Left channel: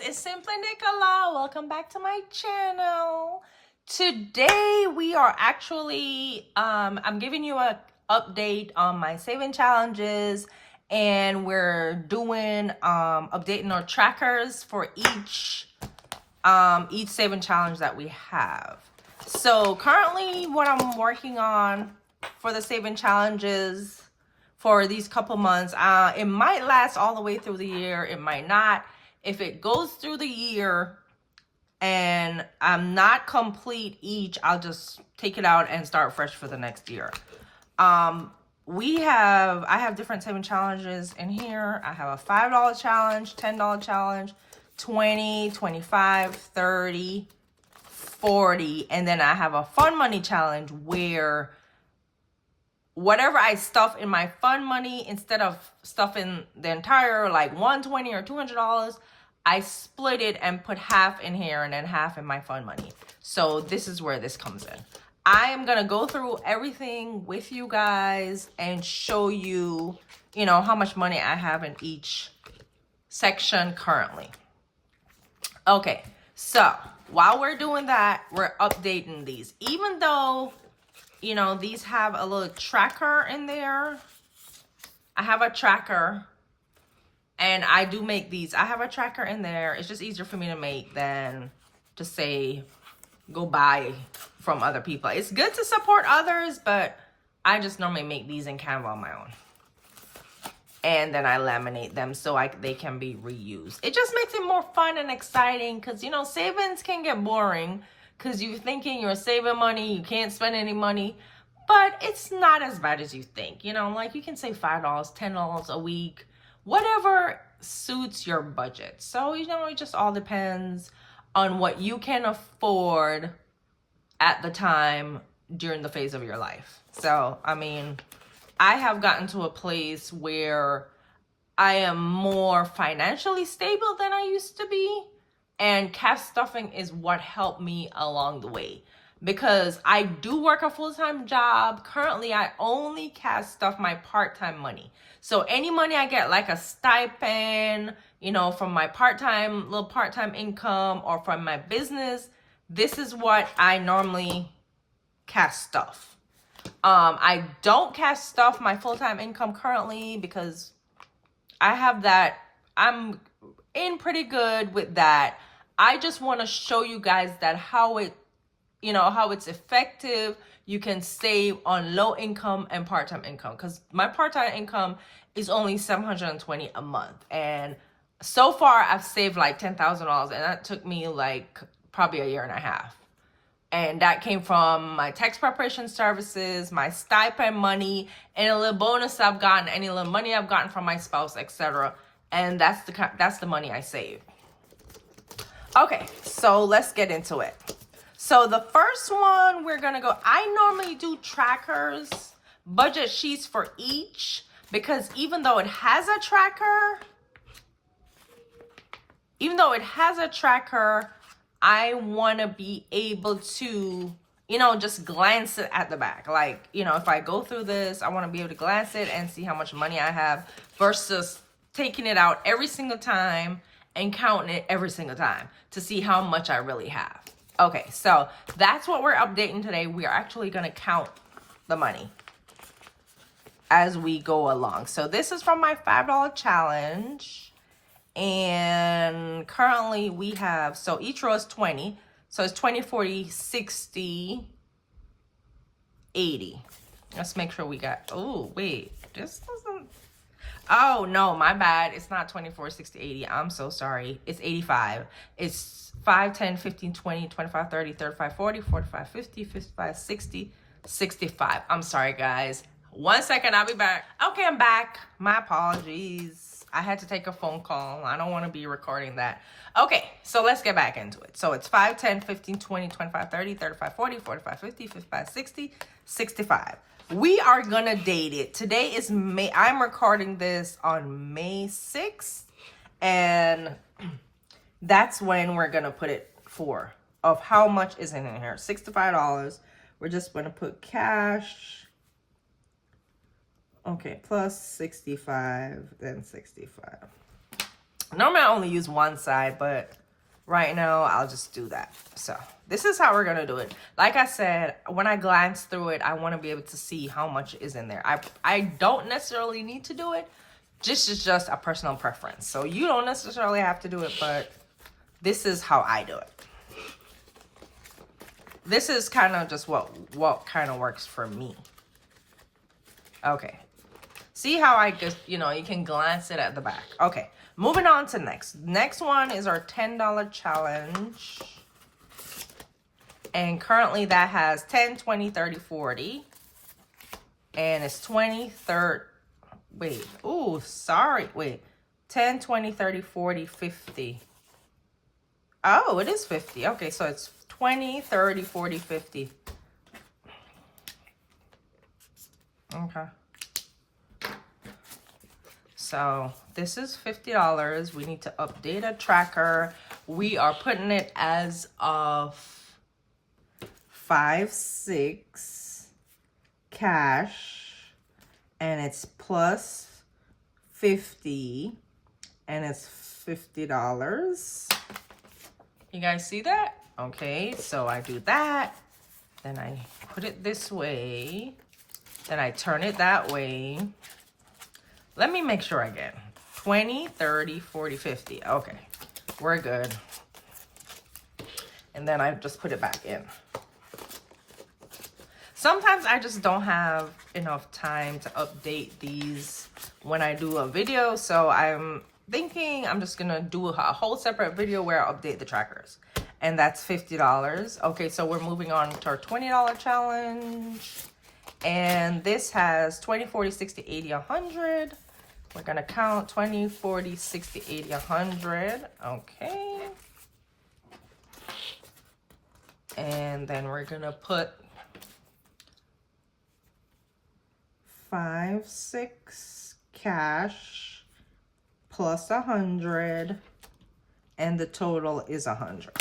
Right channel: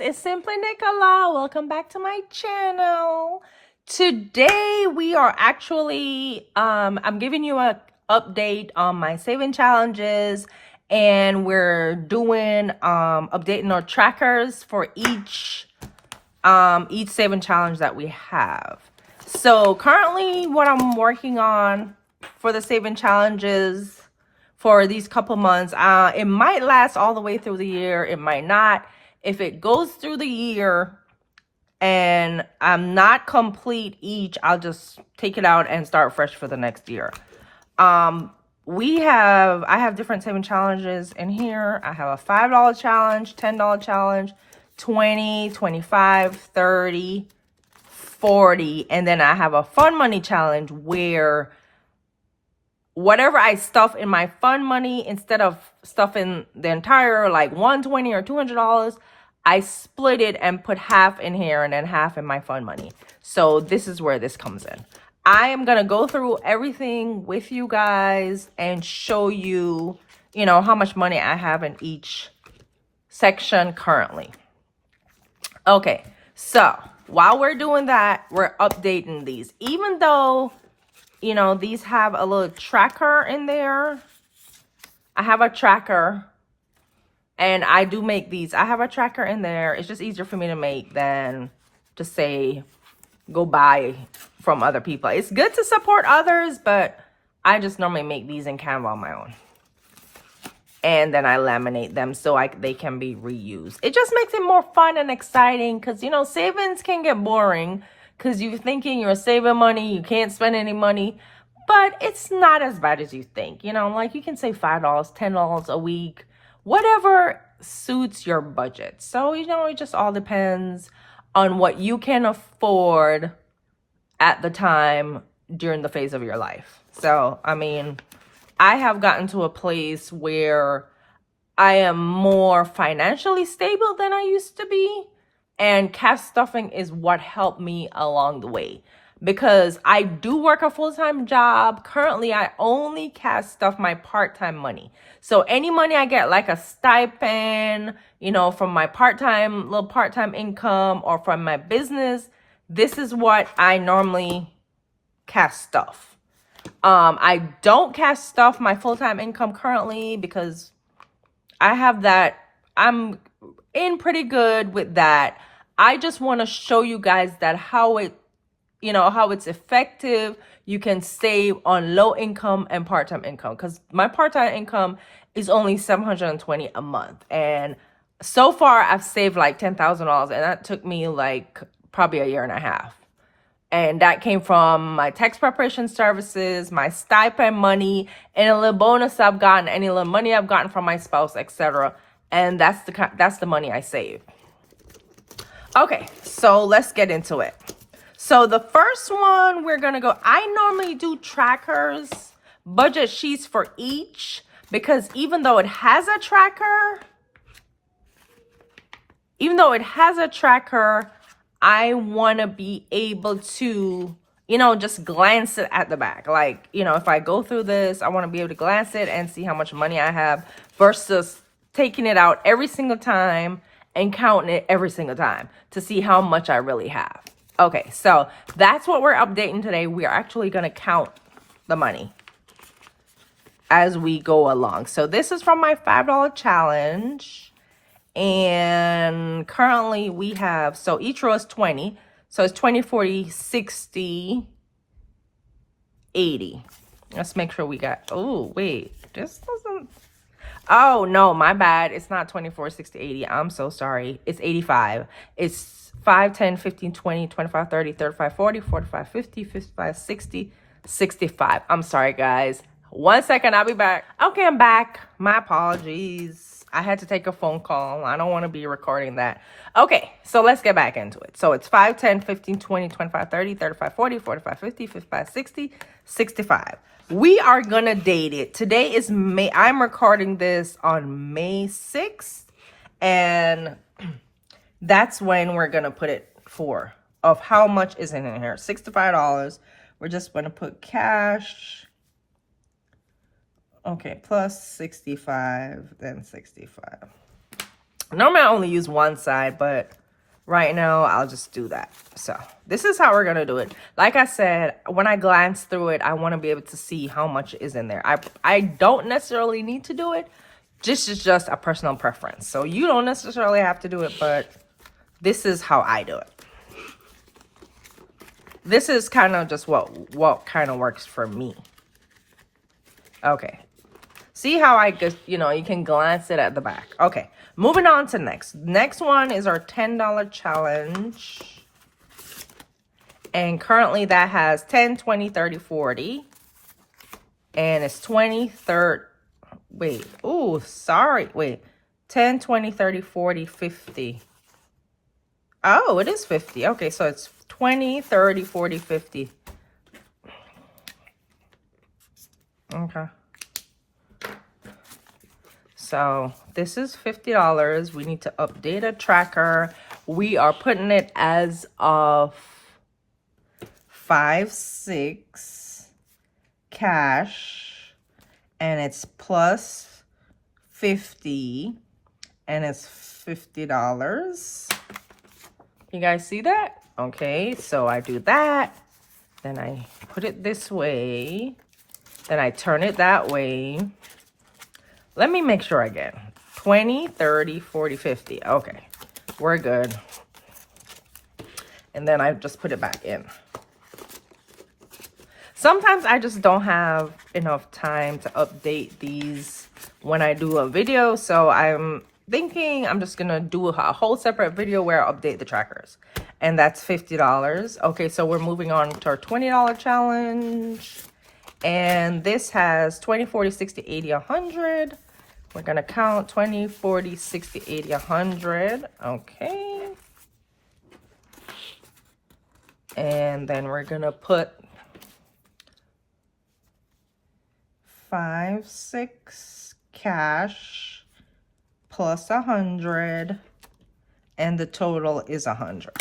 it's Simply Nicola. Welcome back to my channel. Today we are actually I'm giving you a update on my saving challenges, and we're doing updating our trackers for each saving challenge that we have. So currently what I'm working on for the saving challenges for these couple months, it might last all the way through the year, it might not. If it goes through the year and I'm not complete each, I'll just take it out and start fresh for the next year. I have different saving challenges in here. I have a $5 challenge, $10 challenge, 20, 25, 30, 40, and then I have a fun money challenge where whatever I stuff in my fun money, instead of stuffing the entire like $120 or $200, I split it and put half in here and then half in my fun money. So this is where this comes in. I am gonna go through everything with you guys and show you, how much money I have in each section currently. Okay, so while we're doing that, we're updating these. Even though, these have a little tracker in there, I have a tracker, and I do make these. I have a tracker in there. It's just easier for me to make than to say go buy from other people. It's good to support others, but I just normally make these in Canva on my own. And then I laminate them so they can be reused. It just makes it more fun and exciting because, savings can get boring because you're thinking you're saving money, you can't spend any money, but it's not as bad as you think. Like you can save $5, $10 a week, whatever suits your budget. So, it just all depends on what you can afford at the time during the phase of your life. So, I have gotten to a place where I am more financially stable than I used to be. And cash stuffing is what helped me along the way. Because I do work a full-time job. Currently, I only cash stuff my part-time money. So any money I get, like a stipend, from my little part-time income or from my business, this is what I normally cash stuff. I don't cash stuff my full-time income currently because I have that. I'm in pretty good with that. I just want to show you guys that how it's effective. You can save on low income and part-time income, because my part-time income is only $720 a month. And so far I've saved like $10,000, and that took me like probably a year and a half. And that came from my tax preparation services, my stipend money, and a little bonus I've gotten, any little money I've gotten from my spouse, etc. And that's the money I save. Okay, so let's get into it. So the first one we're gonna go, I normally do trackers, budget sheets for each, because even though it has a tracker, I want to be able to, just glance it at the back. Like, if I go through this, I want to be able to glance it and see how much money I have versus taking it out every single time and counting it every single time to see how much I really have. Okay, so that's what we're updating today. We're actually going to count the money as we go along. So this is from my $5 challenge. And currently we have, so each row is 20. So it's 20, 40, 60, 80. Let's make sure we got, oh, wait, this doesn't, oh, no, my bad. It's not 24, 60, 80. I'm so sorry. It's 85. It's 5, 10, 15, 20, 25, 30, 35, 40, 45, 50, 55, 60, 65. I'm sorry, guys. 1 second, I'll be back. Okay, I'm back. My apologies. I had to take a phone call. I don't want to be recording that. Okay, so let's get back into it. So it's 5, 10, 15, 20, 25, 30, 35, 40, 45, 50, 55, 60, 65. We are going to date it. Today is May. I'm recording this on May 6th. And that's when we're going to put it for of how much is in here. $65. We're just going to put cash. Okay, plus 65, then 65. Normally I only use one side, but right now I'll just do that. So this is how we're gonna do it. Like I said, when I glance through it, I want to be able to see how much is in there. I don't necessarily need to do it. This is just a personal preference. So you don't necessarily have to do it, but this is how I do it. This is kind of just what kind of works for me. Okay. See how I just, you know, you can glance it at the back. Okay. Moving on to next. Next one is our $10 challenge. And currently that has 10, 20, 30, 40. And it's 20, 30. Wait. Oh, sorry. Wait. 10, 20, 30, 40, 50. Oh, it is 50. Okay, so it's 20, 30, 40, 50. Okay. So this is $50. We need to update a tracker. We are putting it as of 5/6 cash, and it's plus 50, and it's $50. You guys see that? Okay, so I do that, then I put it this way, then I turn it that way. Let me make sure again. 20, 30, 40, 50. Okay, we're good. And then I just put it back in. Sometimes I just don't have enough time to update these when I do a video. So I'm thinking I'm just gonna do a whole separate video where I update the trackers. And that's $50. Okay, so we're moving on to our $20 challenge. And this has 20, 40, 60, 80, 100. We're gonna count 20, 40, 60, 80, 100. Okay. And then we're gonna put 5/6 cash plus 100, and the total is 100.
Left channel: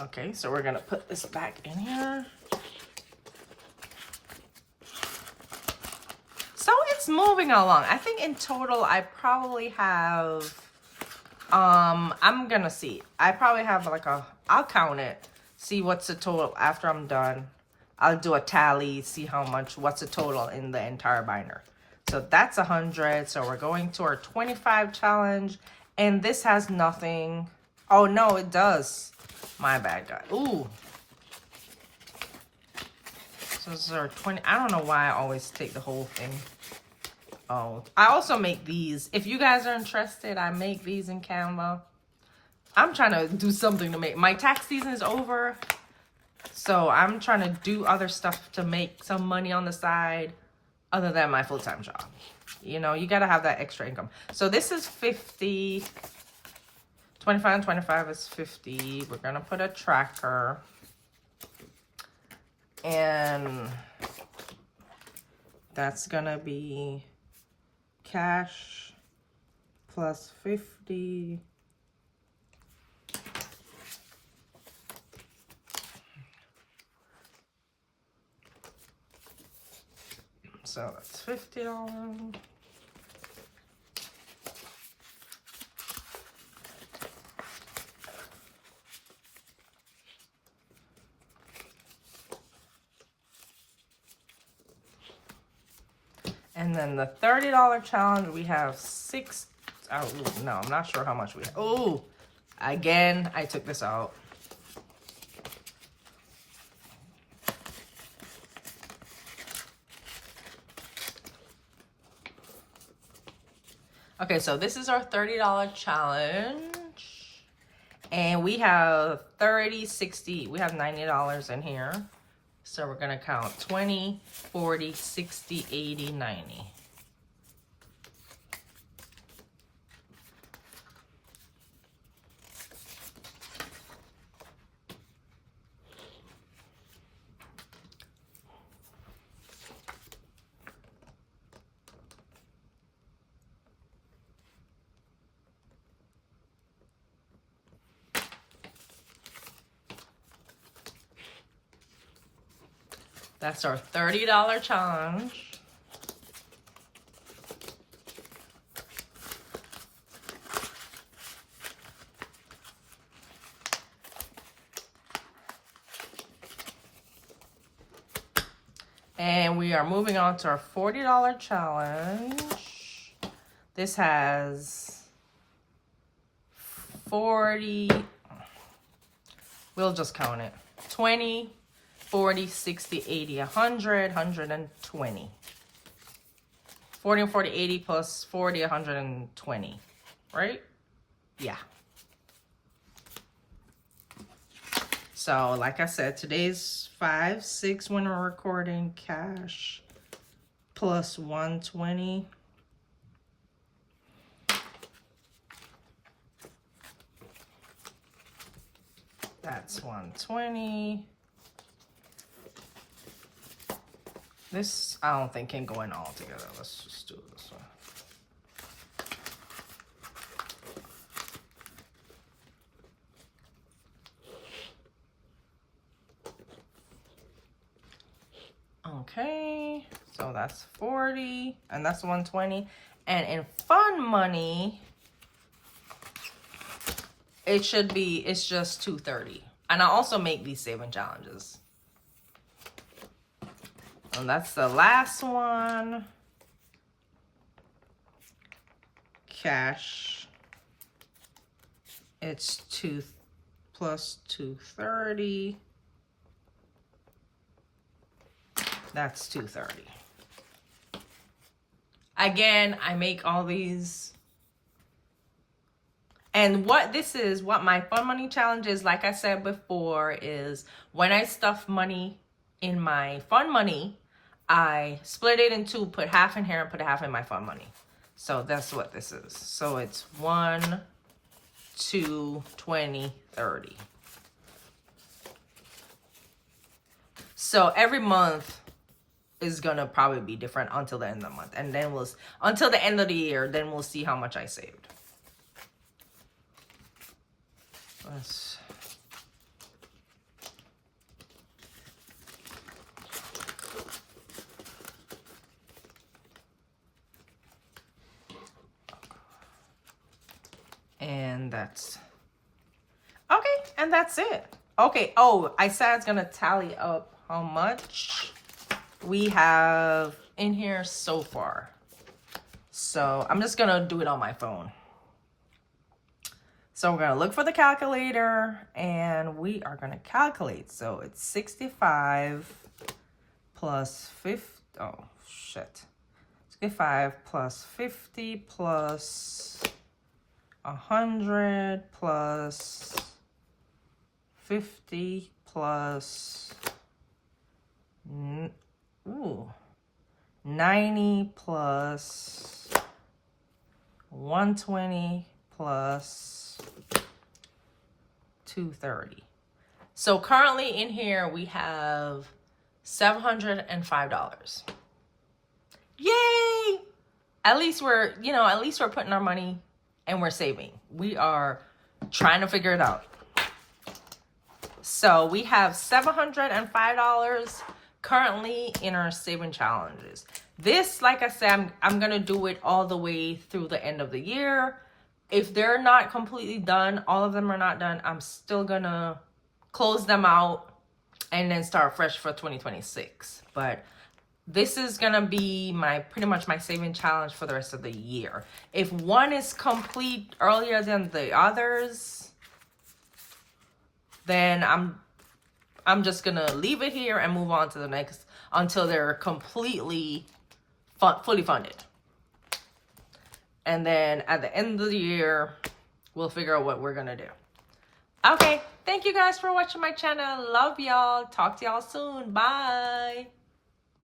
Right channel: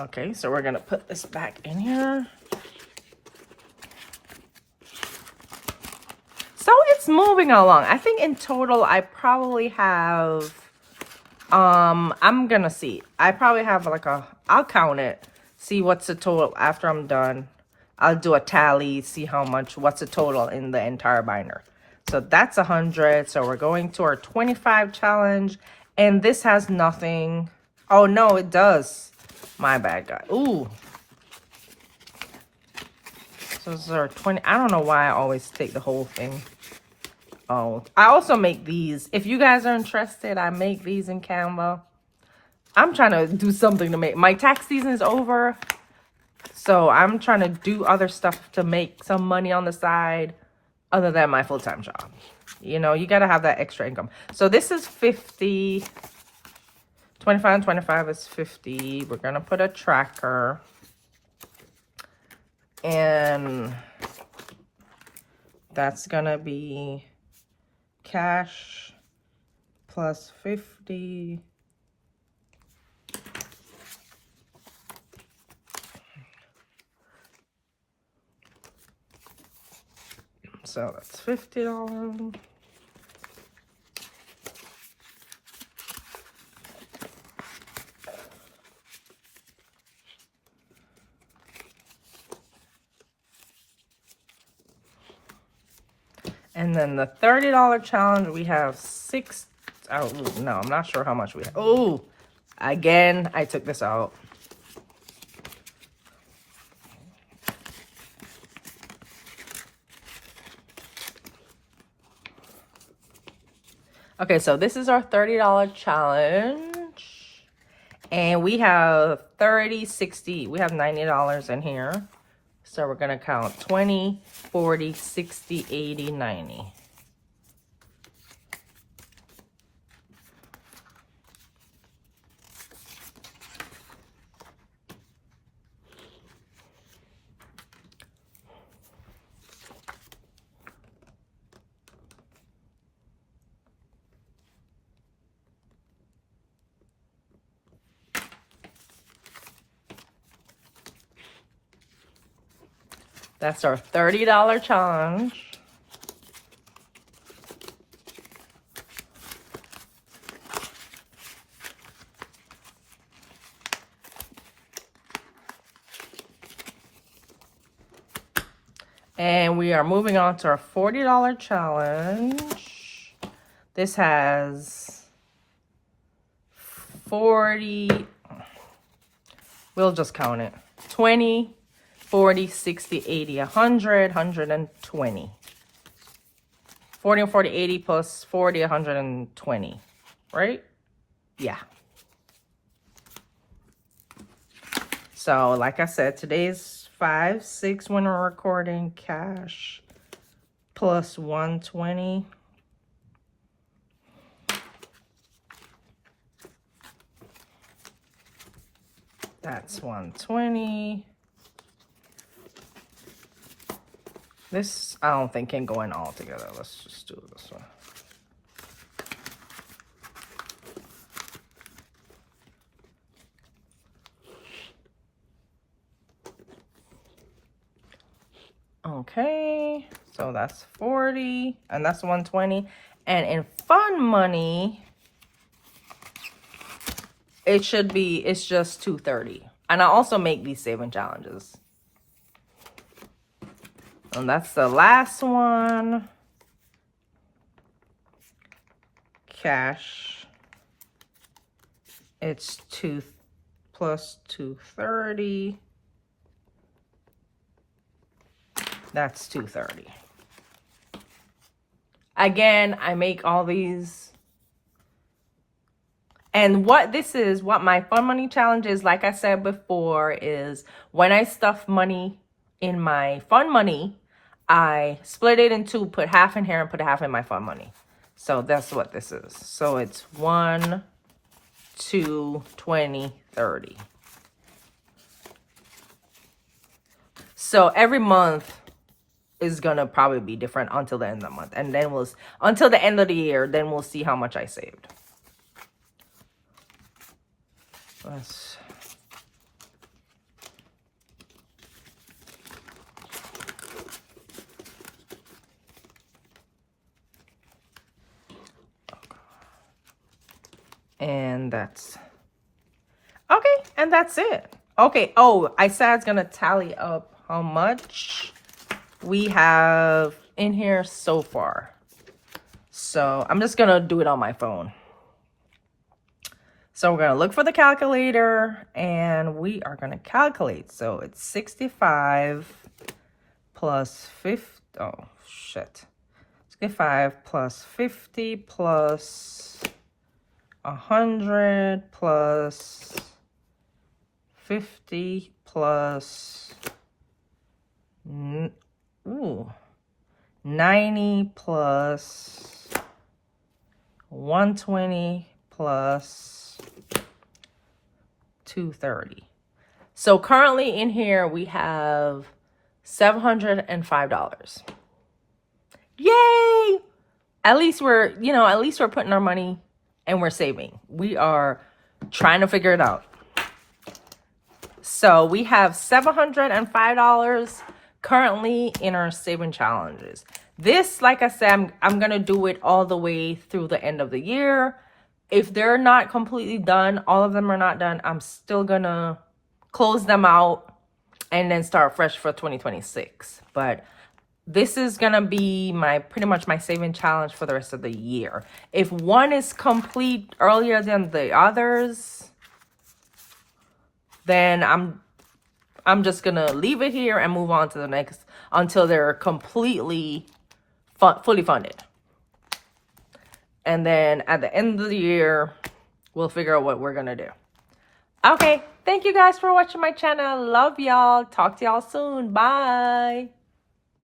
Okay, so we're gonna put this back in here. So it's moving along. I think in total I probably have, I'm gonna see. I probably have like I'll count it, see what's the total after I'm done. I'll do a tally, see what's the total in the entire binder. So that's 100. So we're going to our 25 challenge, and this has nothing. Oh no, it does. My bad, guy. Ooh. So this is our 20. I don't know why I always take the whole thing. Oh, I also make these. If you guys are interested, I make these in Canva. I'm trying to do something to make. My tax season is over, so I'm trying to do other stuff to make some money on the side other than my full-time job. You know, you got to have that extra income. So this is 50. 25 and 25 is 50. We're going to put a tracker. And that's going to be cash plus 50. So that's $50. And then the $30 challenge, we have six. Oh, no, I'm not sure how much we have. Oh, again, I took this out. Okay, so this is our $30 challenge. And we have 30, 60, we have $90 in here. So we're gonna count 20, 40, 60, 80, 90. That's our $30 challenge. And we are moving on to our $40 challenge. This has 40, we'll just count it. 20, 40, 60, 80, 100, 120. 40 and 40, 80 plus 40, 120, right? Yeah. So, like I said, today's 5/6 when we're recording, cash plus 120. That's 120. This, I don't think can go in all together. Let's just do this one. Okay, so that's 40, and that's 120. And in fun money, it's just 230. And I also make these saving challenges. And that's the last one. Cash. It's 2 plus 230. That's 230. Again, I make all these. And what my fun money challenge is, like I said before, is when I stuff money in my fun money, I split it in two, put half in here and put half in my fun money. So that's what this is. So it's 1, 2, 20, 30. So every month is gonna probably be different until the end of the month, and then until the end of the year, then we'll see how much I saved. And that's okay, and that's it. Okay, oh, I said it's gonna tally up how much we have in here so far. So I'm just gonna do it on my phone. So we're gonna look for the calculator and we are gonna calculate. So it's 65 plus 50, oh shit. 65 plus 50 plus 100 plus 50 plus 90 plus 120 plus 230. So currently in here we have $705. Yay! At least we're putting our money and we're saving. We are trying to figure it out. So we have $705 currently in our saving challenges. This, like I said, I'm gonna do it all the way through the end of the year. If they're not completely done, all of them are not done, I'm still gonna close them out and then start fresh for 2026. But this is gonna be pretty much my saving challenge for the rest of the year. If one is complete earlier than the others, then I'm just gonna leave it here and move on to the next until they're completely fully funded. And then at the end of the year, we'll figure out what we're gonna do. Okay, thank you guys for watching my channel. Love y'all. Talk to y'all soon. Bye.